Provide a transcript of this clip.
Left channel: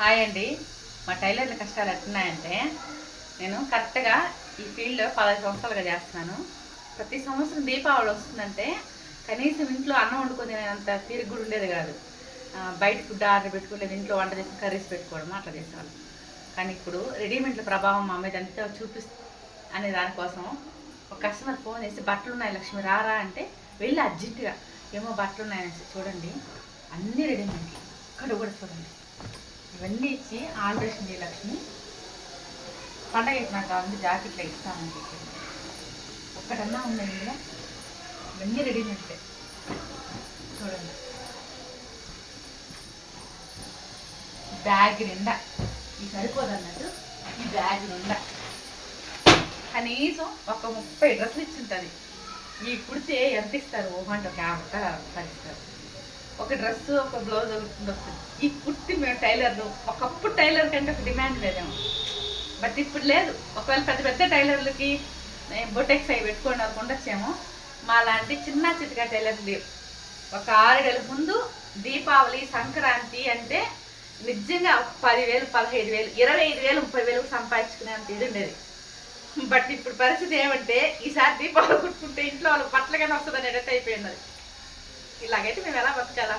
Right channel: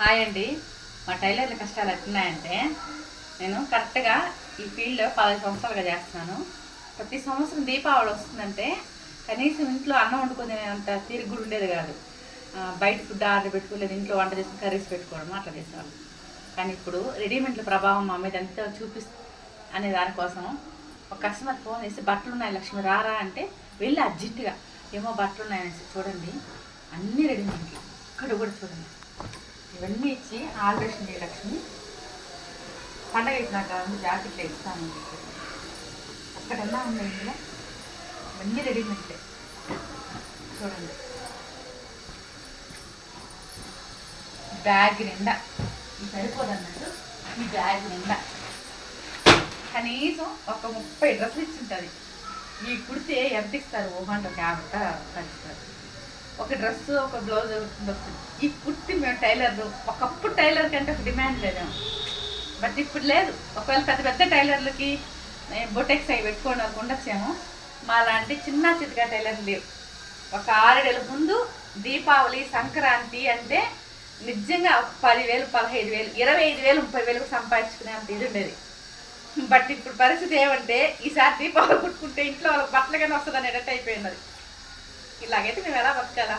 Hi అండి. మా టైలర్ల కష్టాలు ఎట్టున్నాయంటే, నేను కరెక్ట్గా ఈ ఫీల్డ్లో 10 సంవత్సరాలుగా చేస్తున్నాను. ప్రతి సంవత్సరం దీపావళి వస్తుందంటే కనీసం ఇంట్లో అన్నం వండుకొని తినేంత తీరిక కూడా ఉండేది కాదు. బయట ఫుడ్ ఆర్డర్ పెట్టుకుని లేదా ఇంట్లో వంట చేసుకుని కర్రీస్ పెట్టుకోవడం అట్లా చేసేవాళ్ళు. కానీ ఇప్పుడు రెడీమేడ్ల ప్రభావం మా మీద ఎంత చూపిస్తుంది అనే దానికోసం ఒక కస్టమర్ ఫోన్ చేసి బట్టలు ఉన్నాయి లక్ష్మి రారా అంటే వెళ్ళి అర్జెంటుగా ఏమో బట్టలు ఉన్నాయనేసి చూడండి అన్నీ రెడీమేడ్లు ఇక్కడ కూడా చూడండి ఇవన్నీ ఇచ్చి ఆల్ట్రేషన్ చేయ లక్ష్మి పండగ నాకు కావాలి జాకెట్లో ఇస్తానని చెప్పి ఒక్కటన్నా ఉంది ఇందులో ఇవన్నీ రెడీమేడ్లే చూడండి. బ్యాగ్ నిండా ఇది సరిపోదు అన్నట్టు ఈ బ్యాగ్ నిండా కనీసం ఒక 30 డ్రెస్సులు ఇచ్చింటుంది. ఈ కుడితే ఎంత ఇస్తారు? 150 ఇస్తారు. ఒక డ్రెస్సు ఒక బ్లౌజ్ వస్తుంది. ఈ కుర్తి మేము టైలర్లు ఒకప్పుడు టైలర్ కంటే ఒక డిమాండ్ లేదేమో, బట్ ఇప్పుడు లేదు. ఒకవేళ పెద్ద పెద్ద టైలర్లకి బొటెక్స్ అవి పెట్టుకొని వాళ్ళకి ఉండొచ్చేమో, మా లాంటి చిన్న చితకా టైలర్లు లేవు. ఒక 6 ఏళ్ళ ముందు దీపావళి సంక్రాంతి అంటే నిజంగా ఒక 10,000 15,000 25,000 30,000 సంపాదించుకునేంత ఇది ఉండేది. బట్ ఇప్పుడు పరిస్థితి ఏమంటే ఈసారి దీపావళి కుట్టుకుంటే ఇంట్లో వాళ్ళకి బట్టలుగానే వస్తుంది అనేటట్టు అయిపోయినది. ఇలాగైతే మేము ఎలా బతకాలా?